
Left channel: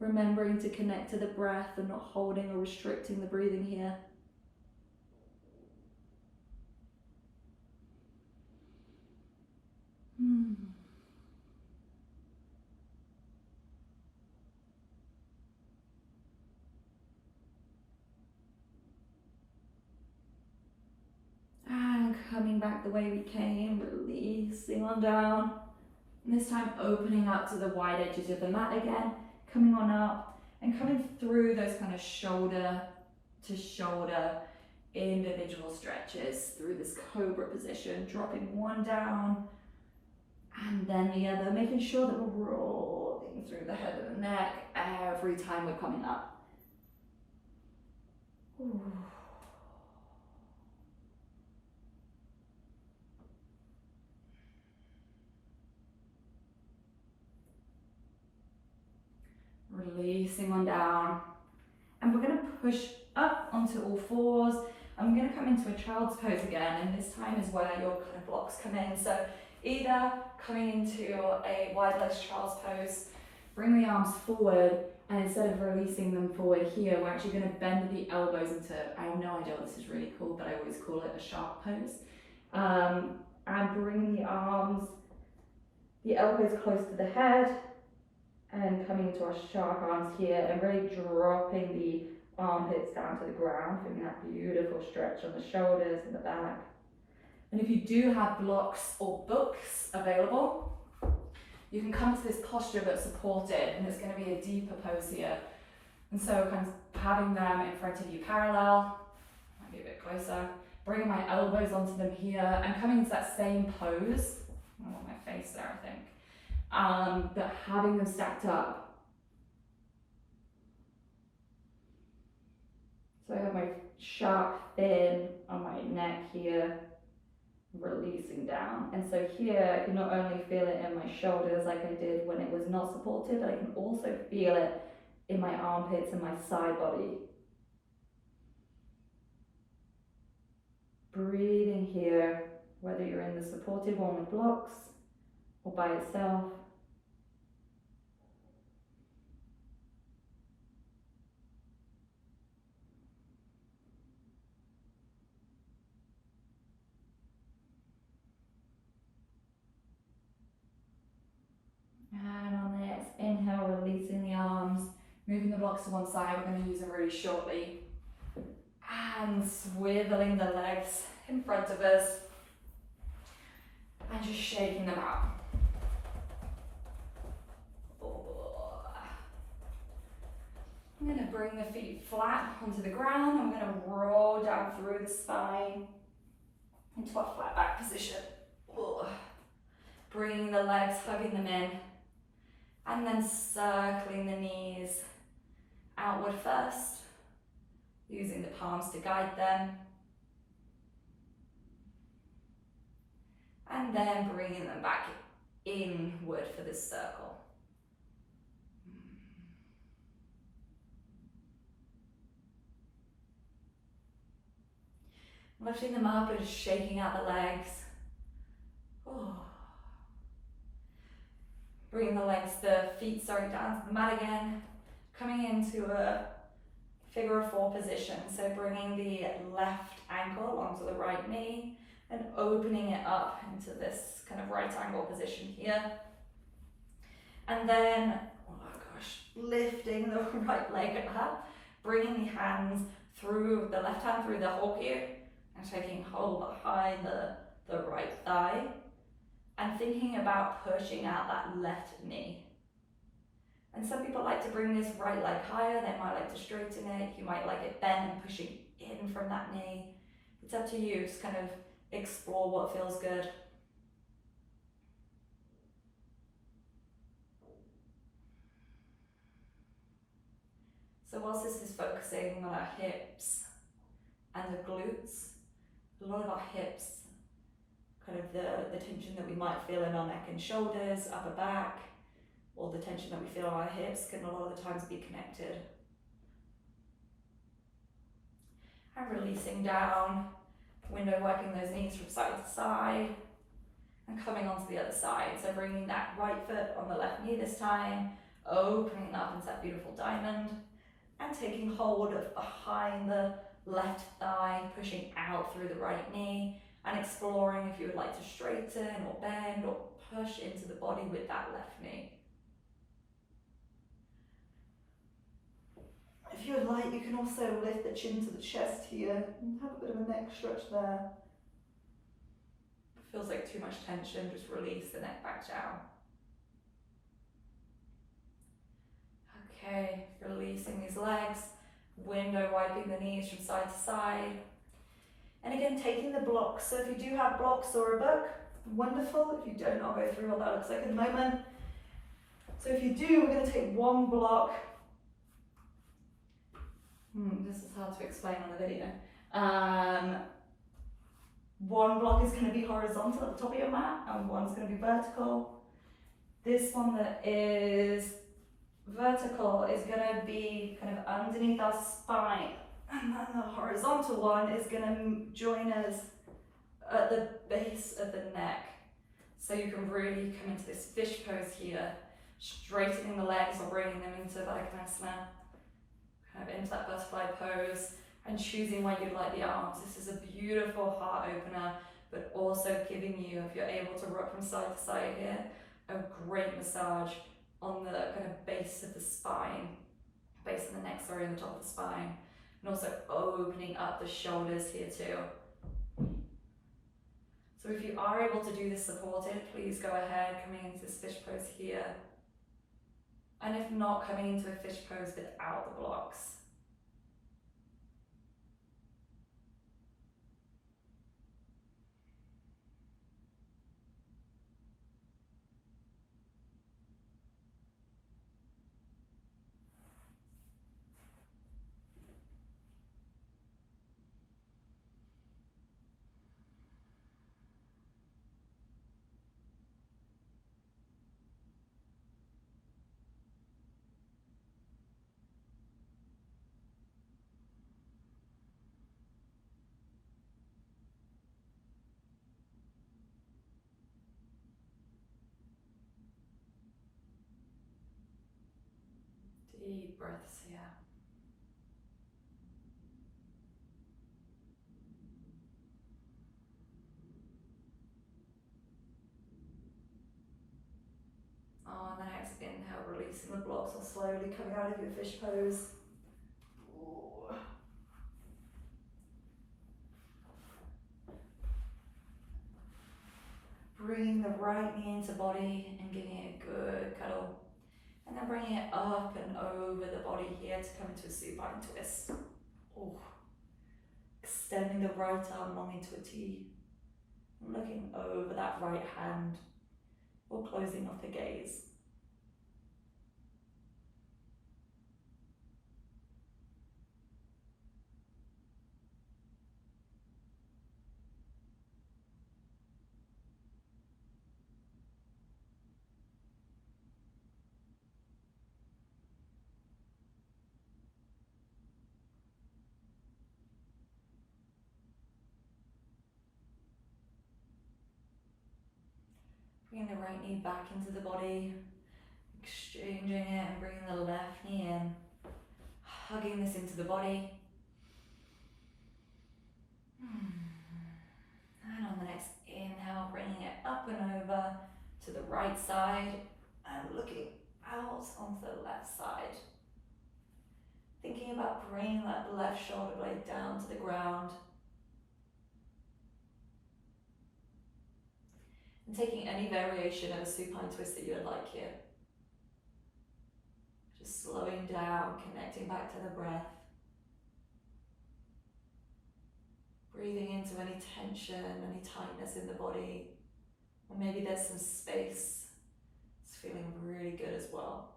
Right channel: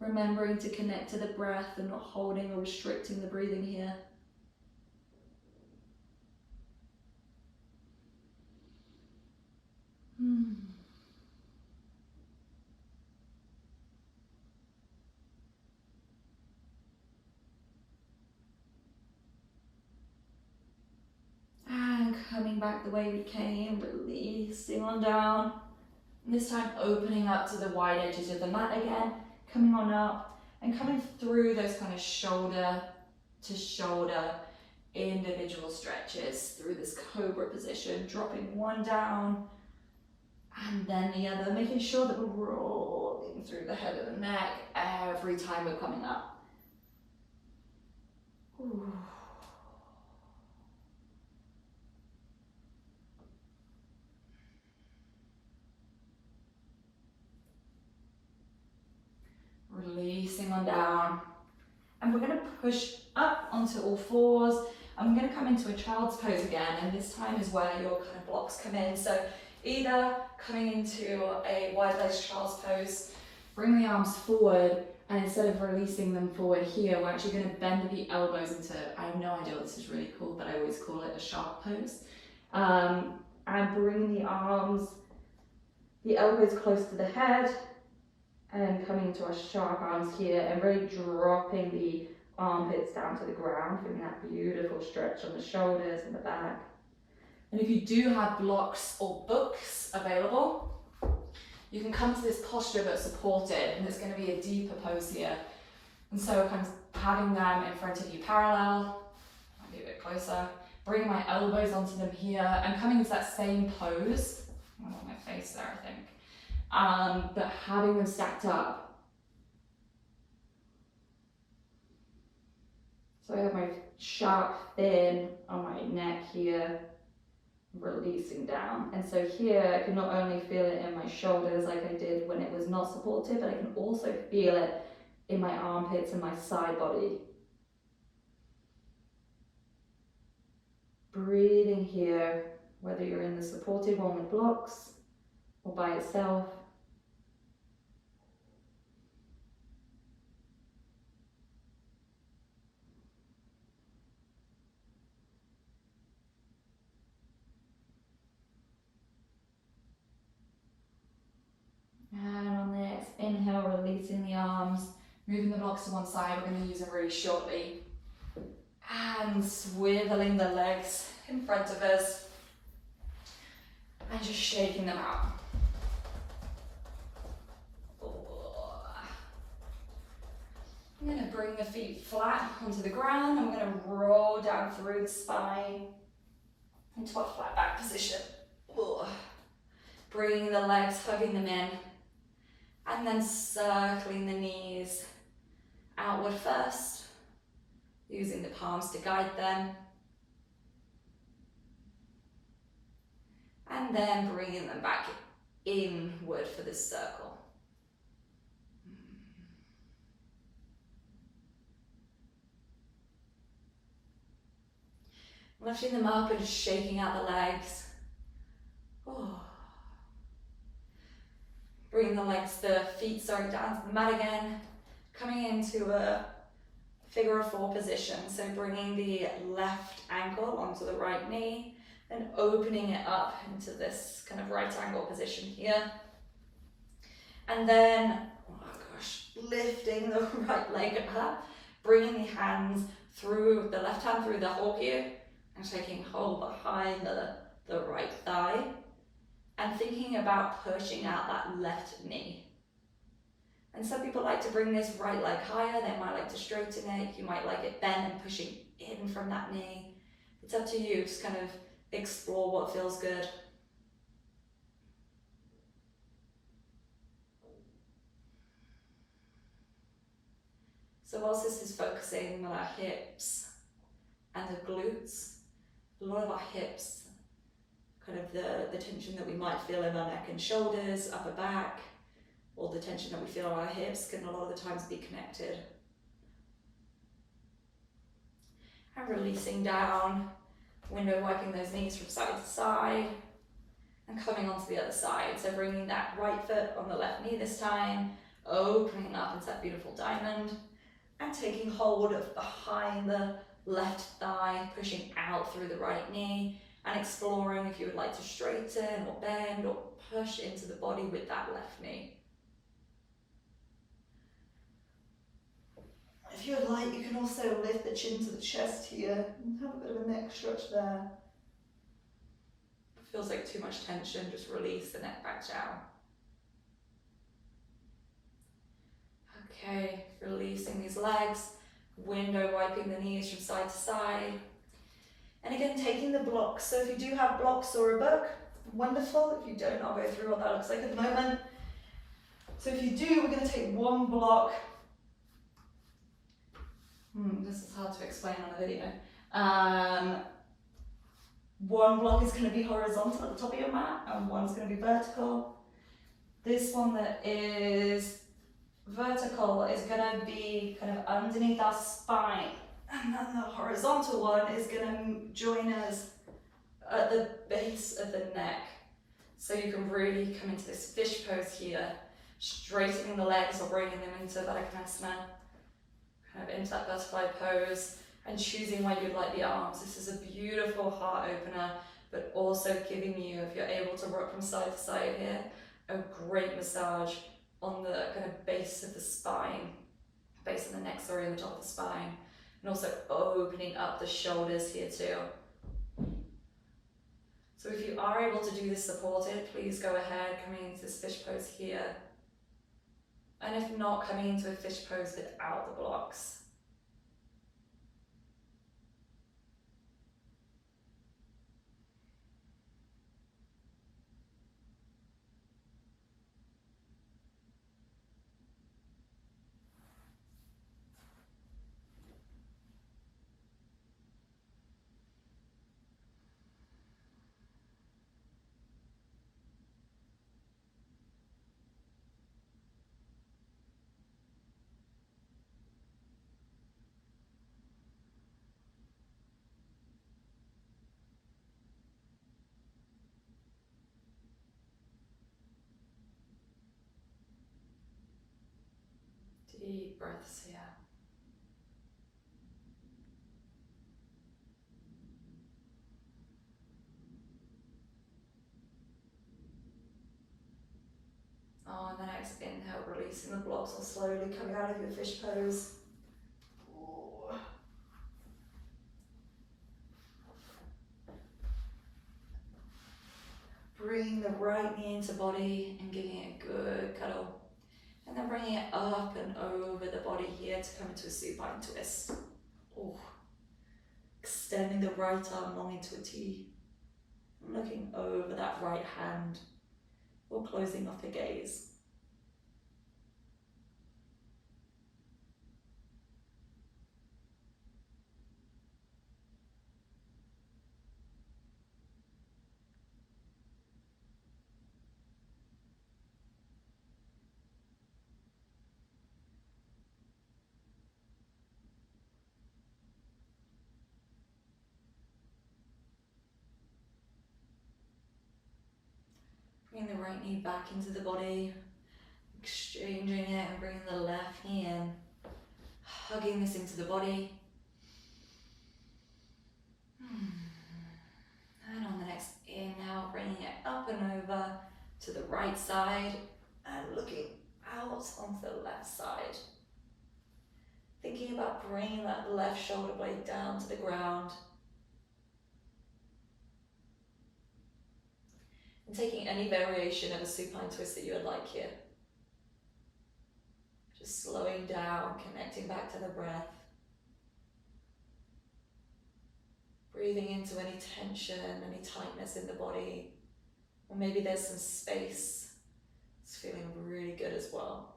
Remembering to connect to the breath and not holding or restricting the breathing here. And coming back the way we came, releasing on down. And this time opening up to the wide edges of the mat again, coming on up and coming through those kind of shoulder to shoulder individual stretches through this cobra position, dropping one down And then the other, making sure that we're rolling through the head of the neck every time we're coming up. Ooh. Releasing on down. And we're going to push up onto all fours. I'm going to come into a child's pose again, and this time is where your kind of blocks come in. So either coming into a wide-legged child's pose, bring the arms forward, and instead of releasing them forward here, we're actually going to bend the elbows into, I have no idea what this is really called, but I always call it a shark pose. And bring the arms, the elbows close to the head, and coming into our shark arms here, and really dropping the armpits down to the ground, feeling that beautiful stretch on the shoulders and the back. And if you do have blocks or books available, you can come to this posture but supported, and it's going to be a deeper pose here. And so kind of having them in front of you parallel, might be a bit closer, bring my elbows onto them here, and coming into that same pose. I want my face there, I think. But having them stacked up. So I have my sharp fin on my neck here, releasing down. And so here I can not only feel it in my shoulders like I did when it was not supported, but I can also feel it in my armpits and my side body. Breathing here, whether you're in the supported one with blocks or by itself. And on the next inhale, releasing the arms, moving the blocks to one side. We're going to use them really shortly. And swiveling the legs in front of us. And just shaking them out. I'm going to bring the feet flat onto the ground. I'm going to roll down through the spine into a flat back position. Bringing the legs, hugging them in. And then circling the knees outward first, using the palms to guide them. And then bringing them back inward for this circle. Lifting them up and shaking out the legs. Bringing the feet down to the mat again. Coming into a figure of four position. So bringing the left ankle onto the right knee and opening it up into this kind of right angle position here. And then, lifting the right leg up, bringing the hands through, the left hand through the hole here, and taking hold behind the right thigh, and thinking about pushing out that left knee. And some people like to bring this right leg higher, they might like to straighten it, you might like it bent and pushing in from that knee. It's up to you, just kind of explore what feels good. So whilst this is focusing on our hips and the glutes, a lot of our hips, kind of the tension that we might feel in our neck and shoulders, upper back, or the tension that we feel on our hips can a lot of the times be connected. And releasing down, window wiping those knees from side to side, and coming onto the other side. So bringing that right foot on the left knee this time, opening up into that beautiful diamond, and taking hold of behind the left thigh, pushing out through the right knee, and exploring if you would like to straighten or bend or push into the body with that left knee. If you would like, you can also lift the chin to the chest here and have a bit of a neck stretch there. If it feels like too much tension, just release the neck back down. Okay, releasing these legs, window wiping the knees from side to side. And again, taking the blocks. So if you do have blocks or a book, Wonderful. If you don't, I'll go through what that looks like in a moment. So if you do, we're going to take one block. This is hard to explain on a video. One block is going to be horizontal at the top of your mat, and one's going to be vertical. This one that is vertical is going to be kind of underneath our spine, and then the horizontal one is going to join us at the base of the neck. So you can really come into this fish pose here, straightening the legs or bringing them into Vaddakasana, kind of into that butterfly pose, and choosing where you'd like the arms. This is a beautiful heart opener, but also giving you, if you're able to rock from side to side here, a great massage on the kind of base of the spine, base of the neck, sorry, and the top of the spine, and also opening up the shoulders here too. So if you are able to do this supported, please go ahead, coming into this fish pose here. And if not, coming into a fish pose without the blocks. Deep breaths here. On the next inhale, releasing the blocks or slowly coming out of your fish pose. Ooh. Bring the right knee into body and giving it a good cuddle. And then bringing it up and over the body here to come into a supine twist. Ooh. Extending the right arm long into a T. Looking over that right hand, or closing off the gaze. Bringing the right knee back into the body, exchanging it and bringing the left knee in, hugging this into the body. And on the next inhale, bringing it up and over to the right side and looking out onto the left side. Thinking about bringing that left shoulder blade down to the ground. And taking any variation of a supine twist that you would like here. Just slowing down, connecting back to the breath. Breathing into any tension, any tightness in the body. Or maybe there's some space. It's feeling really good as well.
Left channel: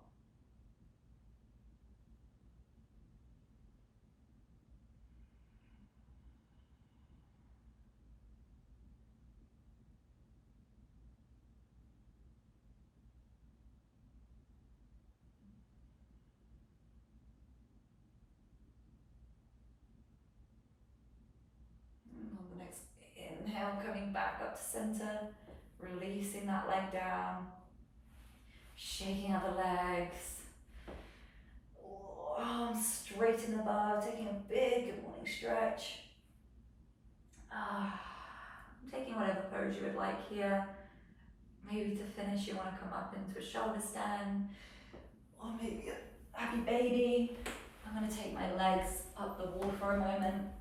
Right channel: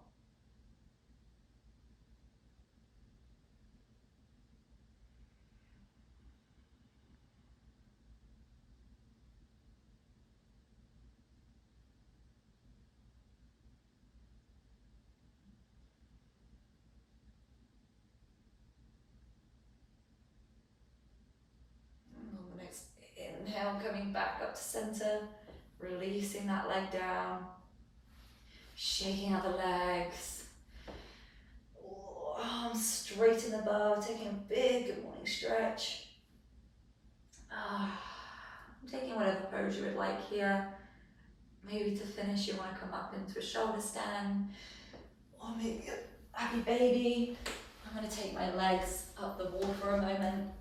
Inhale, coming back up to center, releasing that leg down, shaking out the legs, arms straight in the above, taking a big good morning stretch. Taking whatever pose you would like here. Maybe to finish you want to come up into a shoulder stand, or maybe a happy baby. I'm going to take my legs up the wall for a moment.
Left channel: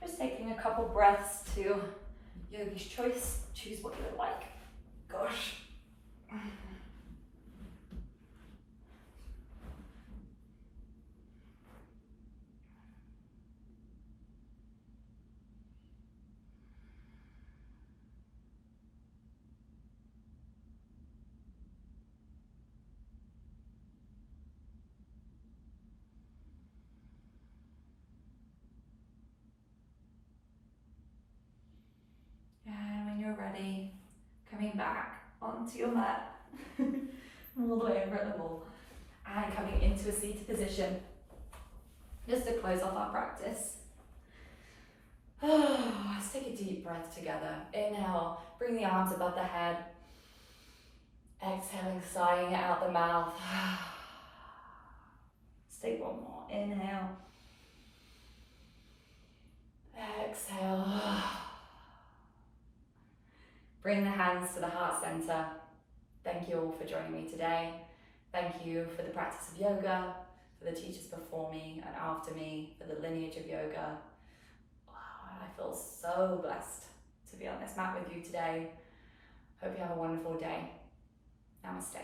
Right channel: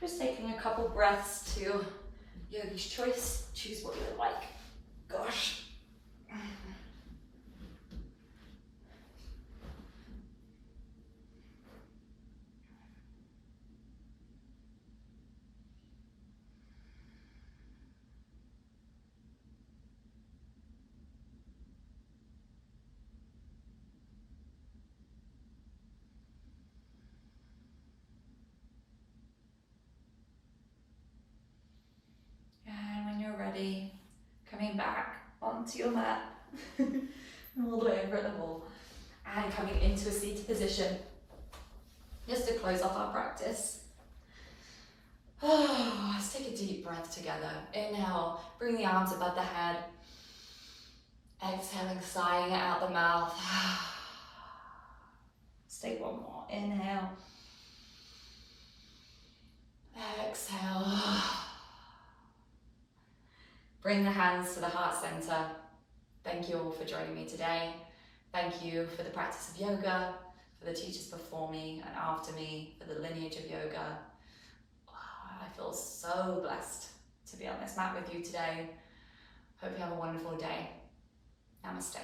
Just taking a couple breaths to yogi's choice. Choose what you would like. Gosh. coming back onto your mat, all the way over at the wall, and coming into a seated position, just to close off our practice. Let's take a deep breath together. Inhale, bring the arms above the head. Exhaling, sighing it out the mouth. Let's take one more. Inhale. Exhale. Bring the hands to the heart center. Thank you all for joining me today. Thank you for the practice of yoga, for the teachers before me and after me, for the lineage of yoga. I feel so blessed to be on this mat with you today. Hope you have a wonderful day. Namaste.